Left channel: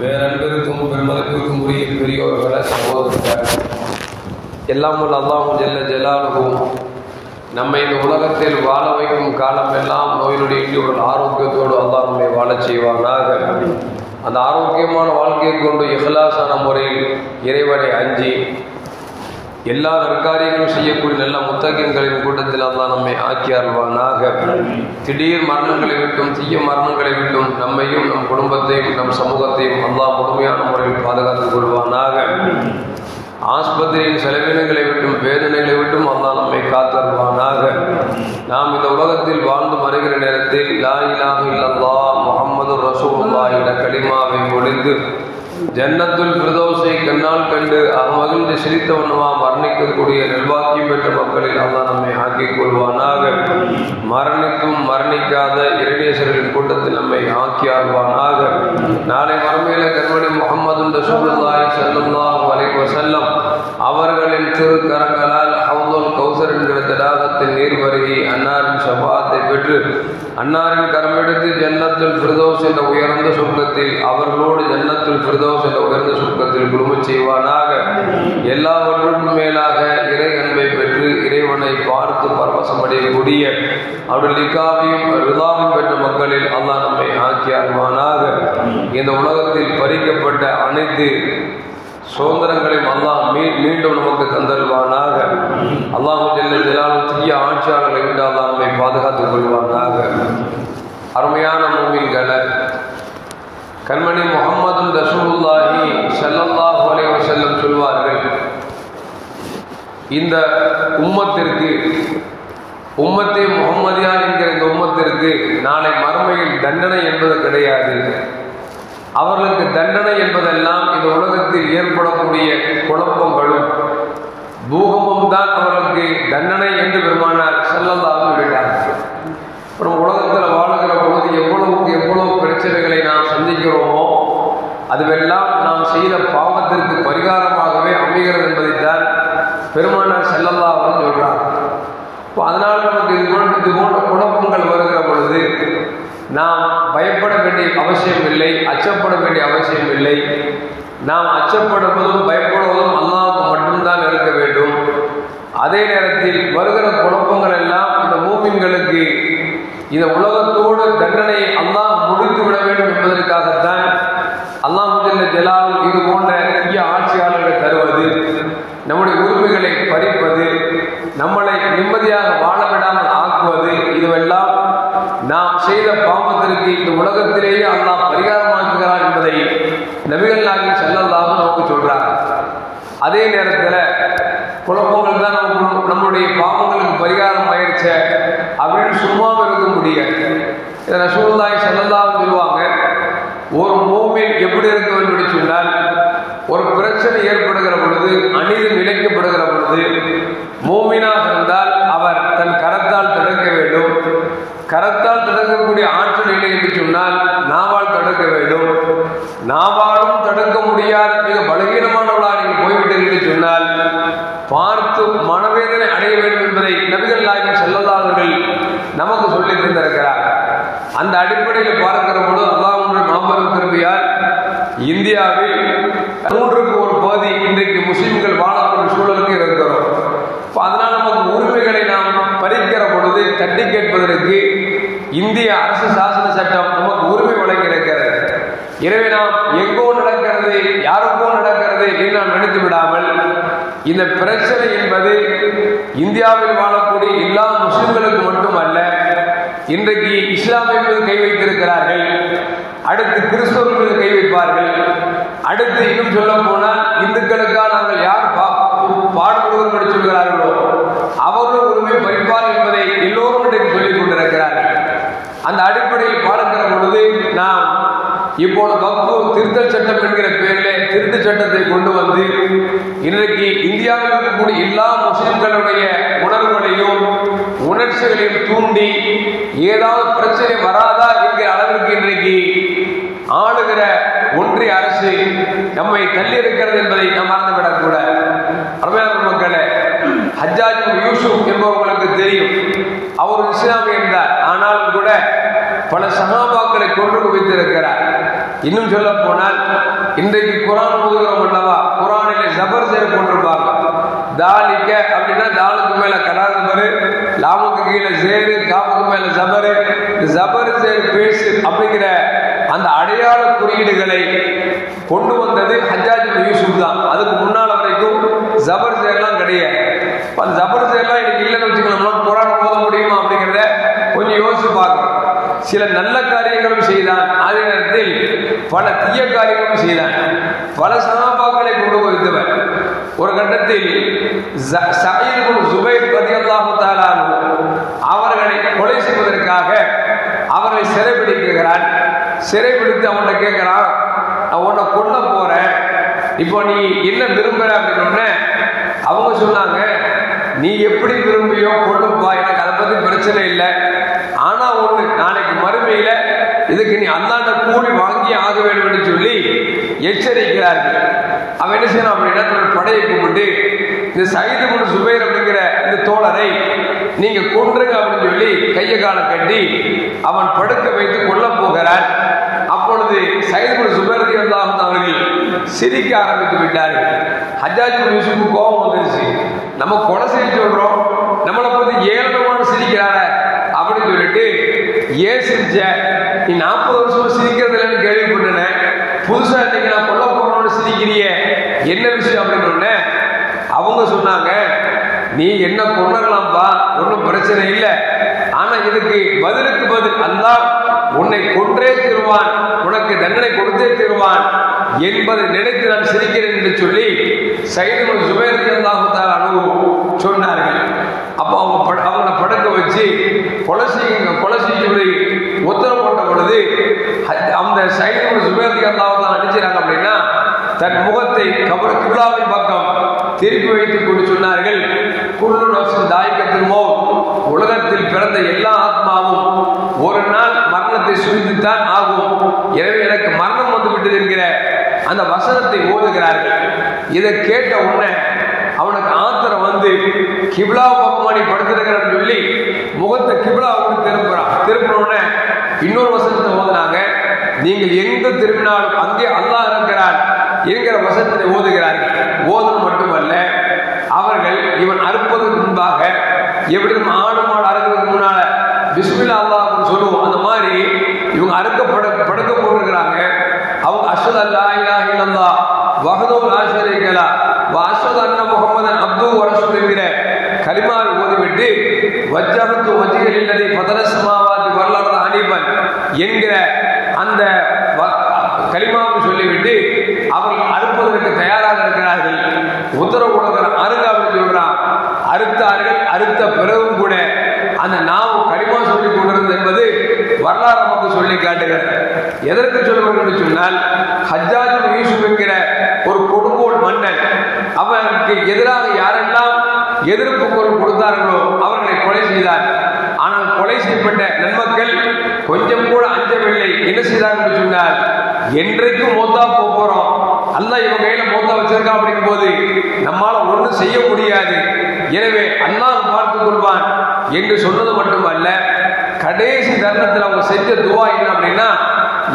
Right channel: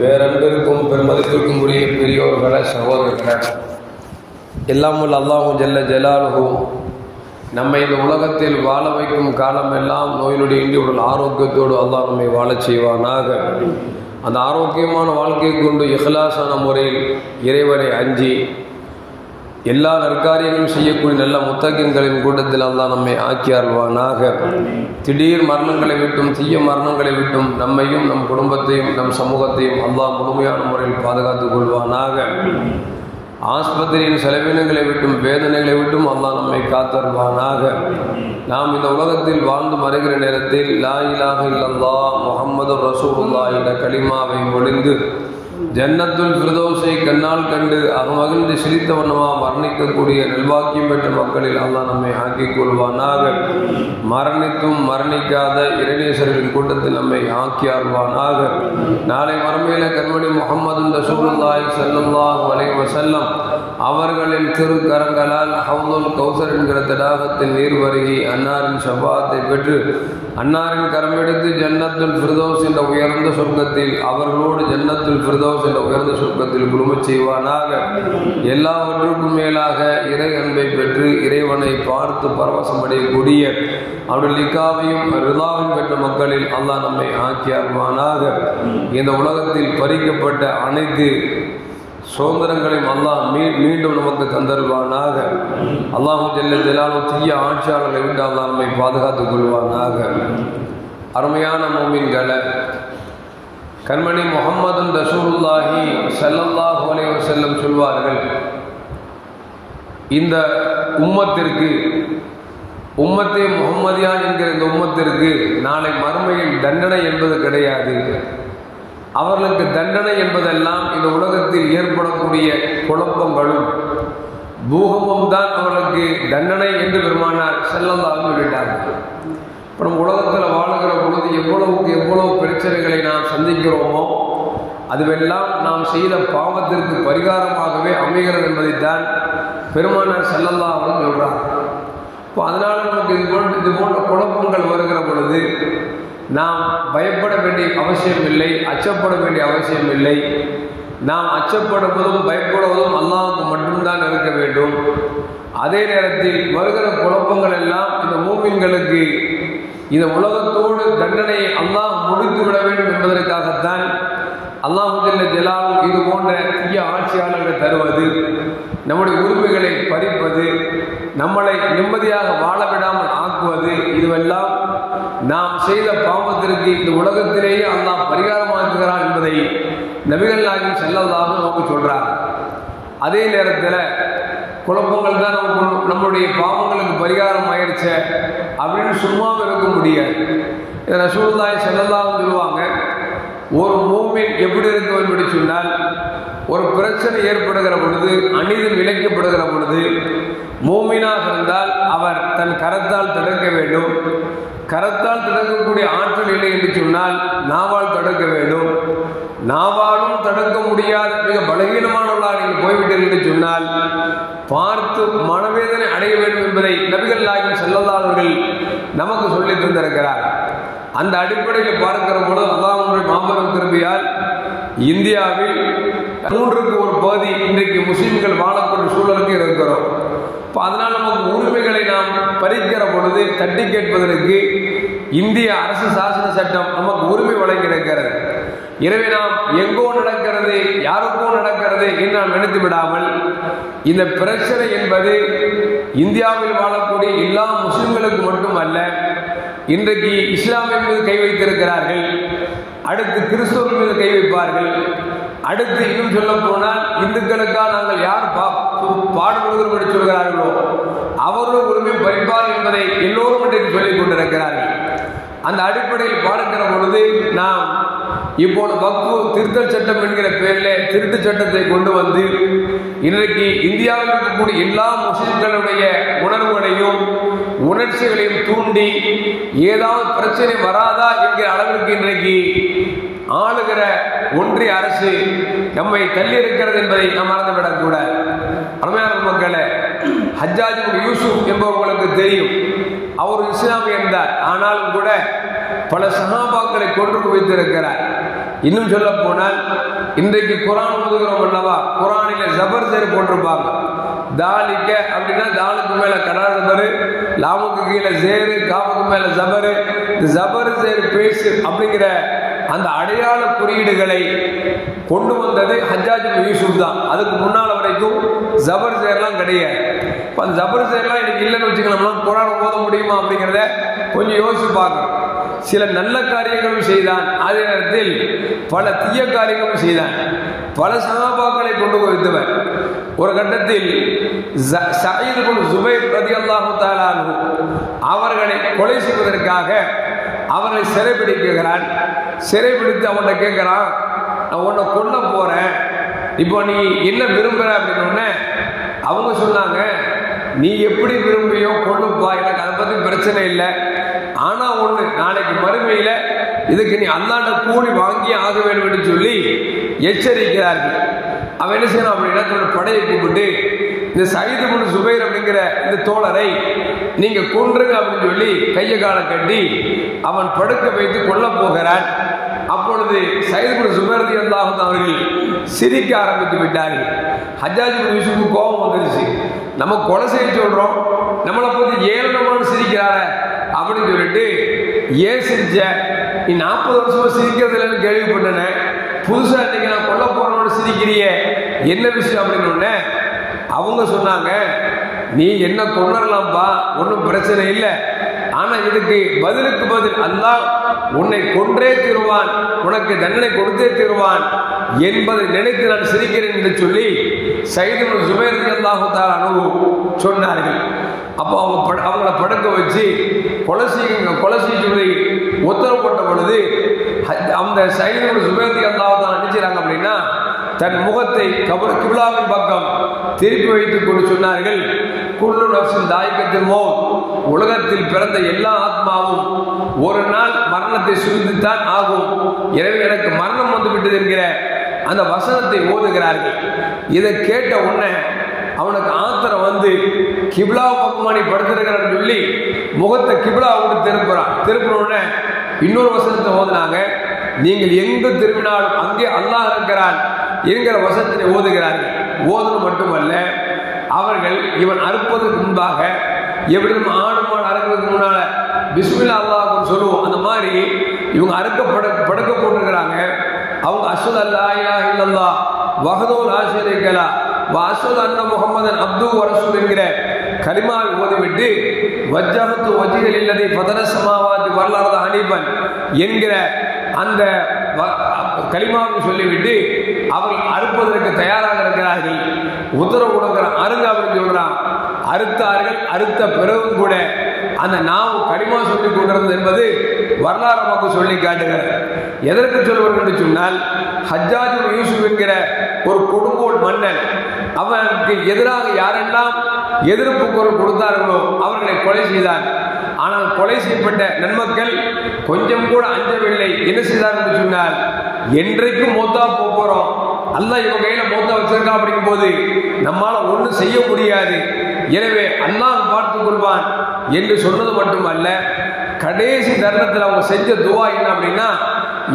பேரன்பிற்கும் பெருமதிப்பிற்கும் உரிய பெரியோர்கள சகோதரர்கள், எல்லாம் உள்ள அல்லாஹு ஜல்ல ஜலாலுஹு நம்மை இந்த உலகத்தில் வாழ வைக்கும் காலம் எல்லாம் நோயினுடைய இன்றைய ஆரோக்கியத்தோடு அல்லாஹ் நம்மை வாழச் செய்வானாக. அந்த ஆரோக்கியமான வாழ்க்கையை கொண்டு இஹ்லாஸான முறையில் இறைவனை அஞ்சி எல்லா நற்காரியங்களும் செய்யக்கூடிய நல்ல முத்தகின்களின் கூட்டத்தில் அல்லாஹ் நம்மை ஆக்கி அருள்வானாக. திடீர் மரணங்களை விட்டும் தீய மரணங்களை விட்டும் நம்மையும் நம் குடும்பத்தையும் நம் சமூகத்தையும் அல்லாஹ் முழுமையான முறையில் பாதுகாத்துக் கொள்வானாக. ஆஸ்பத்திரியின் செலவினங்களை விட்டும் வேதனைகளை விட்டும் அல்லாஹ் நம்மை காத்தருள்வானாக. நாம் இந்த உலகத்தில் வாழ்ந்து வருகிற நேரத்தில் லா இலாஹ இல்லல்லாஹ் முஹம்மது ரசூலுல்லாஹ் என்ற கலிமாவை ஒளிந்து ஜன்னத்துல் ஃபிர்தௌஸை கண்ணால் கண்டு மகிழ்ந்து சிரித்தவனுமா மரணிக்கக்கூடிய நல்வாக்கியம் பெற்ற மக்களில் அல்லாஹ் நம்மை ஆக்கிக் கொள்வானாக. மரணிக்கும் மரணிக்காத இறைநேசர்களின் கூட்டத்தில் நம்மை ஆக்கி ஆழ்வானாக. நாளை மறுமையில கண்மணி முஹம்மது ரசூலுல்லாஹி ஸல்லல்லாஹு அலைஹி வஸல்லம் அவர்களின் திருக்கரங்களால் ஹவுதுல் கௌசர் என்கிற தடாகத்தில் நீர் வருகி அன்னாரின் ஷஃபாத்தை பெற்று அன்னாரின் கரமெடுத்து ஜன்னத்துல் ஃபிர்தௌஸ் என்ற உயர்ந்த சொர்க்கத்தில் அவர்களோடு ஜன்னத்துல் ஃபிர்தௌஸ் என்ற உயர்ந்த சொர்க்கத்தில் குழுமச் செய்வானாக. எல்லாவற்றுக்கும் மேலாக இறை அன்பை பெற்று இறைவனை பார்த்து பரவசமடையக்கூடிய அவருடைய லிகாவையும் ரிதாவையும் பெற்ற மக்களில் அல்லாஹ் நம்மை ஆக்கி அருள்வானாக. இந்த உலகத்தில் பறிக்கப்பட்ட அனைத்து சுதந்திரங்களையும் அல்லாஹ் மீண்டும் நமக்கு தந்தருவானாக. அல்லாஹ் ஜல்ல ஜலாலுஹு தீய ஆட்சியாளர்களை விட்டு அல்லாஹ் நம்மை பாதுகாத்துக் கொள்வானாக. அருமையான மூமின்கள, கண்மணி முஹம்மது ரசூலுல்லாஹி ஸல்லல்லாஹு அலைஹி வஸல்லம் சொல்வார்கள், இந்த உம்மத்திற்கு உம்மத்தே முஹம்மதியா என்கிற இந்த உம்மத்திற்கு நாளை மறுமையில் தண்டனை என்பது கிடையாது. அவர்களுக்கு தண்டனை என்பதெல்லாம் இந்த உலகத்தில் ஏற்படக்கூடிய குழப்பங்களும் பூகமும் தான் அவர்களுக்கு தண்டனை என்று பெருமானார் ஸல்லல்லாஹு அலைஹி வஸல்லம். அப்புறம் உலகத்தில் வாழுகிற பொழுது எவ்வளவுக்கு எவ்வளவு பிரச்சனைகளை நாம் சந்திக்கிறோமோ அதுவெல்லாம் நாம் செய்த பாவத்திற்கு பரிகாரமாகவே அமைகிறது என்பதைத்தான் பெருமானார் ஸல்லல்லாஹு அலைஹி வஸல்லம் சொல்றார். இப்போ அதனால் நமக்கு இது போன்ற குழப்பங்கள் வருகிற பொழுது நாம் பயப்பட வேண்டிய அவசியம் இல்லை, அச்சப்பட வேண்டிய அவசியம் இல்லை. நாம் அச்சப்படுவதும் பயப்படுவதும் அல்லாஹ்வுக்கு மட்டும்தான் இருக்க வேண்டும். அதே நேரத்தில் வருகிற குழப்பங்கள் எல்லாம் இந்த மூமின்களுக்கு இந்த உலகத்தோடு தண்டனையை அல்லாஹ் முடித்து விட வேண்டும் என்பதற்காகத்தான் அல்லாஹ் ஜல்ல ஜலாலுஹு இது போன்ற தீய ஆட்சியாளர்களை தருவது, நம்முடைய உரிமைகளை பறிப்பது, நம்மளை நிம்மதியாக வாழ விடாமல் ஆக்குவது, இதுவெல்லாம் நாம் செய்த பாவத்திற்கு இந்த உலகத்திலேயே அல்லாஹ் பரிகாரமாக்குகிறான் என்பதை நபிகள் நாயகம் ஸல்லல்லாஹு அலைஹி வஸல்லம் சொல்றார். அதே நேரத்தில் குழப்பங்கள் தான் நம்முடைய பாவங்களுக்கு பரிகாரம் ஆயிடுச்சு அப்படின்னு சும்மாவும் இருக்க முடியாது. இதை ரசூலுல்லாஹி ஸல்லல்லாஹு அலைஹி வஸல்லம் சொல்லுவாங்க, ஒரு மூமின் எப்படி இருக்க வேண்டும் என்று சொன்னால், ஒரு பிரச்சனை ஏற்படுகிற பொழுது, அநீதி இழைக்கப்படுகிற பொழுது மூமினாக இருந்தால் அவர் தன் கரத்தால் தடுக்க வேண்டும். கரத்தால் தடுக்கக்கூடிய ஆற்றல் இல்லை என்று சொன்னால் நாவால் தடுக்க வேண்டும். நாவாலும் தடுக்க முடியாத மிக பலகீனமானவர்களாக நீங்கள் போய்விட்டீர்கள் என்று சொன்னால் பார்த்து மனவேதனை அடைய வேண்டும் என்பதை நபிகள் நாயகம் ஸல்லல்லாஹு அலைஹி வஸல்லம் நமக்கு சொல்லி தந்திருக்கிறார். அந்த அடிப்படையில் பார்க்கிற பொழுது அல்லாஹ்வுடைய மாபெரும் கிருபையால் இந்தியாவில் 3க்கு ஒரு பகுதி இன்றைக்கு முஸ்லிம்கள் வாழக்கூடிய சூழலுக்கு இருக்கிறோம். இப்போ அதனால் நமக்கு உரிமைகளை நாம் பறிக்கிற பொழுது தட்டி கேட்பதற்கு இந்திய அரசு சாசன சட்டம் நமக்கு உரிமை வழங்கியிருக்கிறது. எனவே நாம் எங்கோ நடக்கிறது, யாருக்கோ நடக்கிறது என்று நாம் நினைத்து விடாமல், இந்த பிரச்சனை என்பது இந்தியாவில் வாழக்கூடிய எல்லா முஸ்லிம்களுக்கு மட்டுமல்ல, இன்றைக்கு இஸ்லாமிய மீது கை வைத்திருக்கிறார்கள், அடுத்து கிறிஸ்தவர்கள் மீது கை வைப்பார்கள், அடுத்து இன்னும் சொல்ல போனால் இந்துக்களுக்காக நாங்கள் யார் பாடுபடுவோம் என்று சொல்கிறார்களோ அவர்களும் உரிமை பறிப்பார் என்பதை எல்லோரும் இன்றைக்கு சொல்லிக் கொண்டிருக்கிறார்கள். அந்த அடிப்படையில் பார்க்கிற பொழுது நாம் இப்போது வக்ஃபு திருத்தல் சட்டம் என்கிற பெயரில் திருட்டு சட்டத்தை கொண்டு வந்து இன்றைக்கு இந்தியாவில் இருக்கக்கூடிய எல்லா முஸ்லிம்களுடைய உணர்வுகளையும் உணர்ச்சிகளையும் தூண்டி ஏதாவது பிரச்சனை வராதா என்கிற அளவிற்கு இன்றைக்கு ஆளுகிற ஒன்றிய அரசு நம்மை தள்ளி இருக்கிறது என்பதை நாம் மறந்துவிடக்கூடாது. அருமையான மக்களே, ஹஜ்ஜாஜ் இப்னு யூசுப் என்பவர்களுக்கு தெரியும், அவர் இஸ்லாமியன் தான். ஆனாலும் கூட பல சஹாபாக்களை கொன்று குவித்திருக்கிறார். இன்னும் சொல்ல போனால் இன்றைக்கு குரான் ஓதுகிறோம் அல்லவா, குரானிலே ஜபர் சேர் போட்டிருப்பாங்க. தாலிக்க அப்படின்னா தாலுக்கு மேல கடா ஜபரு, லாமுக்கு கீழே சேரு, காமுக்கு மேல ஜபரு. இந்த ஜபர் சேர் பேசு அப்படிங்கிற அந்த அடையாள குறியீடுகளை கொண்டு வந்தது ஹஜ்ஜாஜ் இப்னு யூசுப் தான். அதுக்கு முன்னால் வரைக்கும் ஜபர் சேர்லாம் கிடையாது. அந்த ஜபர் சேர்லாம் இன்னைக்கு இல்லைன்னு வச்சுக்கலாம், குரான் ஓத முடியுமா அப்படிங்கிறத கொஞ்சம் யோசிச்சு பார்க்கணும். சில நல்ல காரியங்களும் செய்தான், அதே நேரத்தில் பல தீய காரியங்களும் செய்தான். பல சஹாபாக்களை கொண்டு வைத்தவர். ஒரு கட்டத்தில் சயீத் இப்னு ஜுபைர் ரலியல்லாஹு தஆலா அன்ஹு அவர்களை கொலை செய்வதற்காக அவர்களை சிறைபிடிக்கிறான். சிறைபிடித்து அவனை கேட்கிறான், நான் உன்னை கொல்ல போறேன், இப்போ நீ என்ன விரும்புற அப்படின்னு. அவங்க சொன்னாங்க, நீ எப்படி விரும்பியோ கொல்லுப்பா, எனக்கு அதை பத்தி பிரச்சனை இல்லை. ஆனா ஒண்ணு, நாளைக்கு மறுமையில இதுக்கு நீ அந்தாண்ட கூலி வாங்கி ஆக வேண்டும் என்று சொல்லி எச்சரிக்கிறார்கள். அவன் என்ன செய்யறான் அப்படின்னா, தன்னோட படையை கூப்பிட்டு இந்த சயீத் இப்னு ஜுபைர் அப்படிங்கிற இந்த தோழரை நீங்க கொன்றுங்க அப்படின்னு சொல்லி கையை காலை கட்டி அவன் படுக்க வைத்து கொல்ல போகிறான். அப்பொழுது சயீத் இப்னு ஜுபைர் ரலியல்லாஹு அவர்கள் சிரிக்க ஆரம்பித்து விட்டார்கள். ஹஜ்ஜாஜ் இப்னு யூசுஃபுக்கு கோபம் வந்துருச்சு. நம்ம கொலை செய்ய சொல்றோம், நம்மளை பத்தி ஏளனமான சிரிக்கிறார அப்படின்னு சொல்லிட்டு, ஏன் சிரிச்ச, நீ 40 வருஷமா சிரிக்கிறது இல்லைன்னு கேள்விப்பட்டேன், புதுசா இன்னைக்கு நான் கொல்ல போறோம்னு சிரிக்கிறிய, என்ன விஷயம் அப்படின்னு. அவங்க சொன்னாங்க, நீ என்ன கொல்லலாம்பா, ஒன்றும் பிரச்சனை இல்லை, ஆனா இதுக்கு பதிலுக்கு பதில் அல்லாஹ் உன்னை கொன்றே தீருவான், உனக்கு தண்டனை கொடுத்தே தீருவான் என்பதை நினைத்து நான் சிரிக்கிறேன் என்று சொல்லி சயீத் இப்னு ஜுபைர் ரலியல்லாஹு தஆலா அன்ஹு சொன்னார்கள். அப்போ அவங்களை படுக்க வச்சு கொலை செய்ய உத்தரவு போட்ட பொழுது அந்த சயீத் இப்னு ஜுபைர் ரலியல்லாஹு தஆலா நினைச்சாங்க அப்படின்னா, தன் முகத்தை கிப்லாவின் பக்கம் திருப்பி வைத்துக் கொண்டு சொன்னார்கள், குல்லு நஃப்ஸின் தாயிகத்துல் மௌத், உலகத்தில் பிறந்த எல்லா ஆத்மாவும் ஒரு நாள் மரணத்தை சுமந்துத்தான் ஆகும், எனவே எனக்கு மரணம் வந்து விட்டது என்கிற அந்த வசனத்தை ஓதுகிறார்கள். இதை கேட்ட உடனே அவனுக்கு ஆத்திரம் வந்து கிப்லா பக்கமாடி படுத்திருக்கிறான்னு சொல்லி முகத்தை கிப்லாவுக்கு திருப்பினோடனே இன்னொரு வசனத்தை ஓதுனாங்க, நீங்கள் எங்கு திரும்பினாலும் அங்கே அல்லாஹ் இருக்கிறான் என்கிற வசனத்தை ஓதுகிறார்கள். ஓதுவது மட்டுமல்ல, அவர்கள் இவன் அறுப்பதற்கு முன்பாக எப்படியும் ஆடு மாடு அறுக்கிறதுக்கு முன்னால பிஸ்மில்லா அல்லாஹ்னு சொல்லுவோம், அந்த மாதிரி இவங்க படுக்க போட்டுக்கிறாங்க. அவங்க அஷ்ஹது அல்லா இலாஹ இல்லல்லாஹ் வஹ்தஹு லா ஷரீக லஹ் வ அஷ்ஹது அன்ன முஹம்மதன் அப்துஹு வ ரசூலுஹு என்கிற கலிமாவை ஓதிவிட்டு வஜ்ஜஹது வஜ்ஹிய லில்லதி ஃபதர ஸமாவாதி வல் அர்த ஹனீஃபன் என்கிற அந்த கலிமாவை சொல்லிவிட்டு அவர்கள் அறுப்பதற்கு தயாராக இருக்கிறார்கள். உத்தரவு கொடுக்கிற அருங்க அப்படின்னு சொல்கிறான். அறுத்தார்கள். அறுத்த பிறகும் கூட அந்த நாவு கலிமா சொல்லி கொண்டிருந்தது என்பது வரலாறு நமக்கு சொல்லி காட்டுகிறது. எதற்கு சொல்லுவது என்று சொன்னால், ஹஜ்ஜாஜ் இப்னு யூசுப் என்கிற ஒரு கொடுங்கோல் மன்னன் அவனுக்கு எதிராக யாரெல்லாம் எதிர்ப்பு குரல் கொடுத்தார்களோ அவர்களை கொலை செய்தார். ஆனால் கொலை செய்யப்பட்ட நன்மக்கள் கொஞ்சம் கூட அஞ்சவில்லை. என்ன செய்தார் என்று சொன்னால், என்றைக்கு மோத்தா போறோம், அல்லாஹ் இவங்க கையில மோத்தா வச்சிருக்கா அப்படிங்கும் போது நம்மால ஒன்றும் செய்ய முடியாது, எனவே அல்லாஹ் பார்த்துக் கொள்வான் என்று சொன்னது மட்டுமல்ல, கடைசி தருணத்தில் அவங்க செஞ்ச துவா என்ன அப்படின்னா,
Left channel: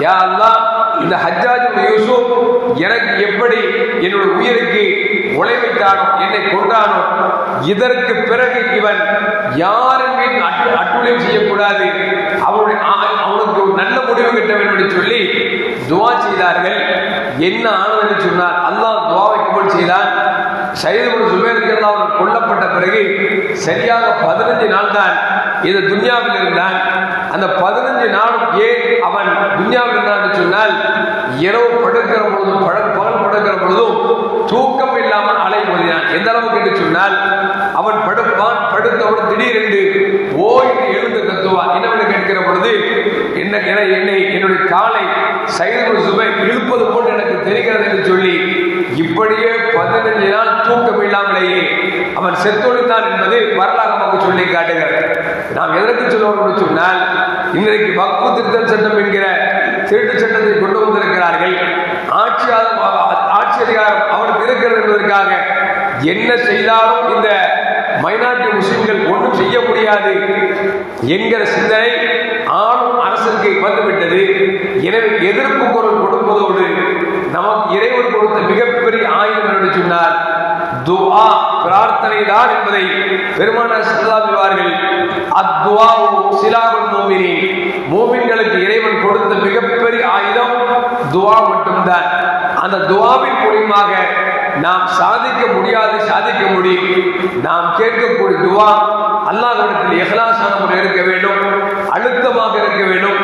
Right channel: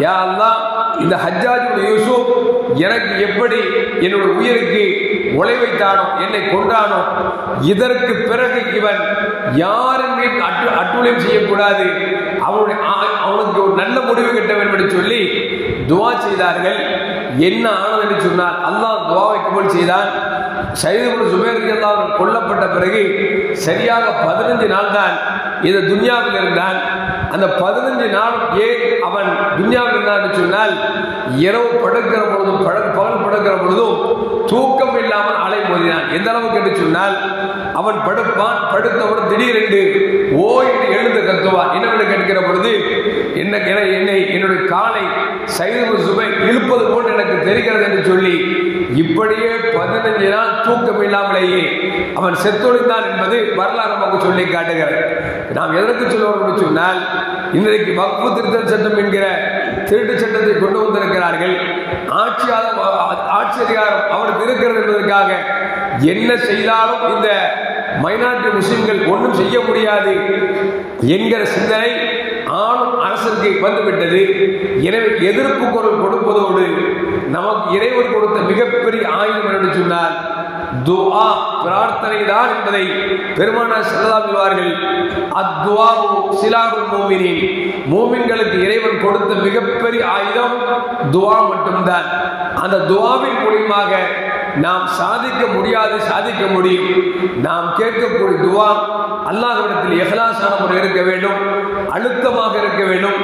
யா அல்லாஹ், இந்த ஹஜ்ஜாஜ் இப்னு யூசுப் எனக்கு எப்படி என்னுடைய உயிருக்கு உழை வைத்தானோ, என்னை கொண்டானோ, இதற்கு பிறகு இவன் யாரின் மீது அட்டுழியம் செய்யக்கூடாது, அவனுக்கு ஒரு நல்ல முடிவு கட்ட வேண்டும் என்று சொல்லி துவா செய்தார்கள். என்ன ஆனது என்று சொன்னார், அல்லாஹ் துவாவை கபூல் செய்தான். சயீத் இப்னு ஜுபைர் ரலியல்லாஹு அன்ஹு கொல்லப்பட்ட பிறகு சரியாக 15 நாள் தான் இது துன்யாவில் இருந்தான். அந்த 15 நாள் ஏன் அவன் துன்யாவில் இருந்தான் என்று சொன்னால், இரவு படுக்கிற பொழுதும் பகல் படுக்கிற பொழுதும் தூக்கம் இல்லாமல் அலை மோதினான். எந்த அளவுக்கு என்று சொன்னால், அவன் படுப்பான், படுத்தவுடன் திடீரென்று ஓ என்று எழுந்து கத்துவான். என்னவென்று கேட்கிற பொழுது, என்னுடைய காலை சயீத் இப்னு ஜுபைர் இழுப்பது போன்று எனக்கு தெரிகிறது என்று சொல்லி இப்படியே 15 நாள் தூக்கம் இல்லாமலேயே அவன் செத்தொழித்தான் என்பது வரலாறு நமக்கு சொல்லி காட்டுகிறது. நாம் எதற்கு சொல்லுவோம் சொன்னால், இன்றைக்கு வக்ஃபு திருத்த சட்டம் என்கிற திருட்டு சட்டத்தை கொண்டு வந்திருக்கிறார்கள். ஆட்சி அதிகாரம் அவருக்கு இருக்கிறது என்பதற்காக என்ன செய்தாலும் இந்த மைனாரிட்டி முஸ்லிம்கள் ஒன்றும் செய்ய முடியாது என்கிற சிந்தனை ஆளும் அரசுக்கு அரசுக்கு வந்துவிட்டது. எனவே எதிர்ப்பு குரல் கொடுப்பதோடு நமக்கு இறைவன் கொடுத்த மிகப்பெரிய ஆயுதம் என்று சொன்னார் துஆ, பிரார்த்தனை தான் என்பதை பெருமானார் ஸல்லல்லாஹு அலைஹி வஸல்லம் அத்துஆ சிலாஹுல் மூமினீன், மூமின்களுக்கு இறைவன் கொடுத்த மிகப்பெரிய ஆயுதம் துஆ மட்டும்தான். அந்த துஆவின் மூலமாக நாம் சாதிக்க முடியாது, சாதிக்க முடியும். நாம் கேட்கக்கூடிய துஆ அல்லாஹ்விடத்தில் இஹ்லாஸான முறையில் இருக்க வேண்டும், அழுத்தமாக இருக்க வேண்டும்,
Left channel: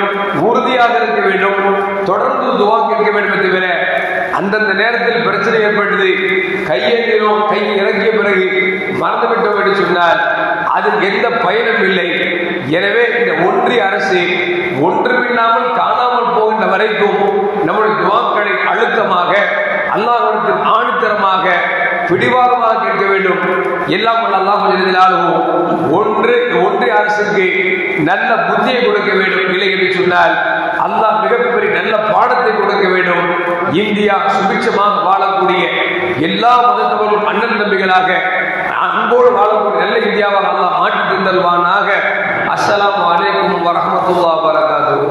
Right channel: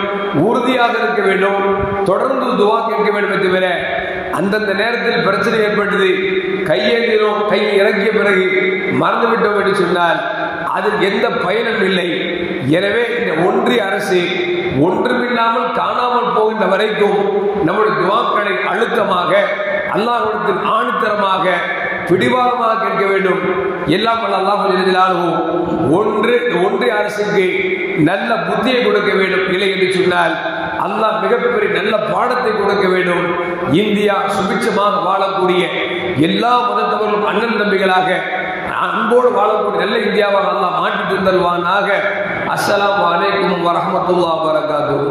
உறுதியாக இருக்க வேண்டும், தொடர்ந்து துஆ கேட்க வேண்டும். தவிர அந்தந்த நேரத்தில் பிரச்சனை ஏற்பட்டது, கையேந்தினோம், கை இறங்கிய பிறகு மறந்துவிட்டோம் என்று சொன்னால் அதில் எந்த பயனும் இல்லை. எனவே இந்த ஒன்றிய அரசு ஒன்றுமில்லாமல் காணாமல் போகின்ற வரைக்கும் நம்முடைய துஆக்களை அழுத்தமாக அல்லாஹ்விடத்தில் ஆணித்தரமாக பிடிவாதமாக கேட்க வேண்டும். எல்லாம் அல்லாஹ் ஒன்றிய அரசுக்கு நல்ல புத்தியை கொடுக்க வேண்டும். இல்லை என்று சொன்னால் அல்லாஹ் மிகப்பெரிய நல்ல பாடத்தை கொடுக்க வேண்டும். இந்தியா சுபிட்சமாக வாழக்கூடிய எல்லா மதத்தவர்களும் அண்ணன் தம்பிகளாக அன்போடு வாழக்கூடிய நல்ல இந்தியாவாக அல்லாஹ் மாற்றி தந்தல்வானாக. அஸ்ஸலாமு அலைக்கும் வரஹ்மத்துல்லாஹி வபரகாத்துஹு.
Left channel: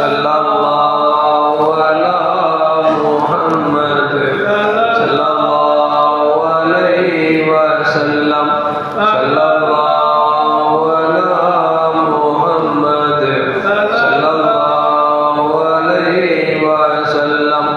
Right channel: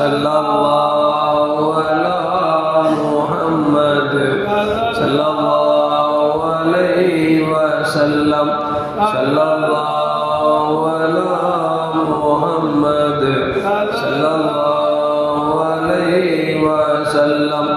ஸல்லல்லாஹு அலா முஹம்மத் ஸல்லல்லாஹு அலைஹி வஸல்லம். ஸல்லல்லாஹு அலா முஹம்மத் ஸல்லல்லாஹு அலைஹி வஸல்லம்.